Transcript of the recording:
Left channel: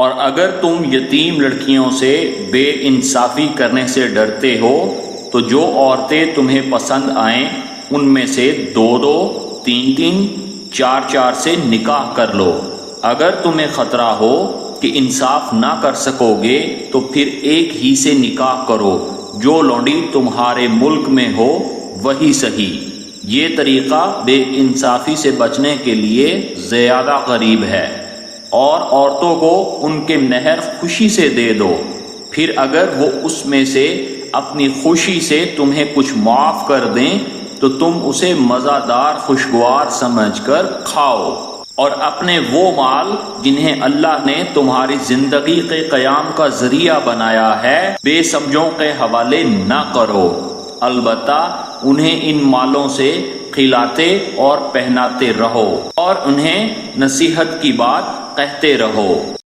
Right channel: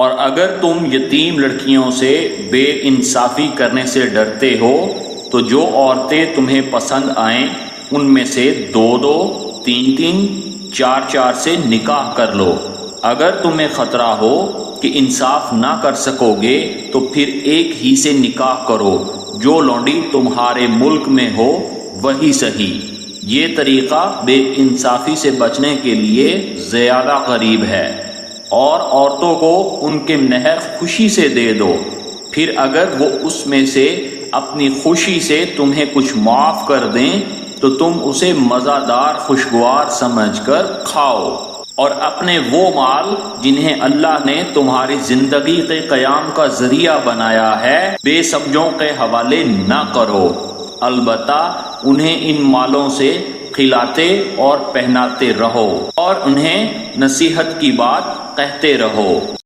और अगर तुम यतीम लड़कियों से बेइंसाफी करने से डरते हो तो जो औरतें तुम्हें पसंद आएं उनमें से 2-2, 3-3, 4-4 से निकाह कर लो। अगर तुम्हें खतरा हो कि इंसाफ ना कर सकोगे तो फिर एक ही से निकाह करो, जो लौंडी तुम्हारे मुल्क में हो वही सही। ये तरीका बेइंसाफी से बचने के लिए ज्यादा करीब है। और औरतों को उनके महर खुशी से दे दो, फिर अगर वो उसमें से अपनी खुशी से तुम्हें कुछ माफ कर दें तो तुम उसे मज़ेदार खुशगवार समझकर खाओ। और अपने वो माल जिन्हें अल्लाह ने तुम्हारी जिंदगी के कयाम का जरिया बनाया है बेसमझों के हवाले न करो, अलबत्ता उन्हें इन मालों से खिलाते और पहनाते रहो और उन्हें नसीहत की बात कहते रहो।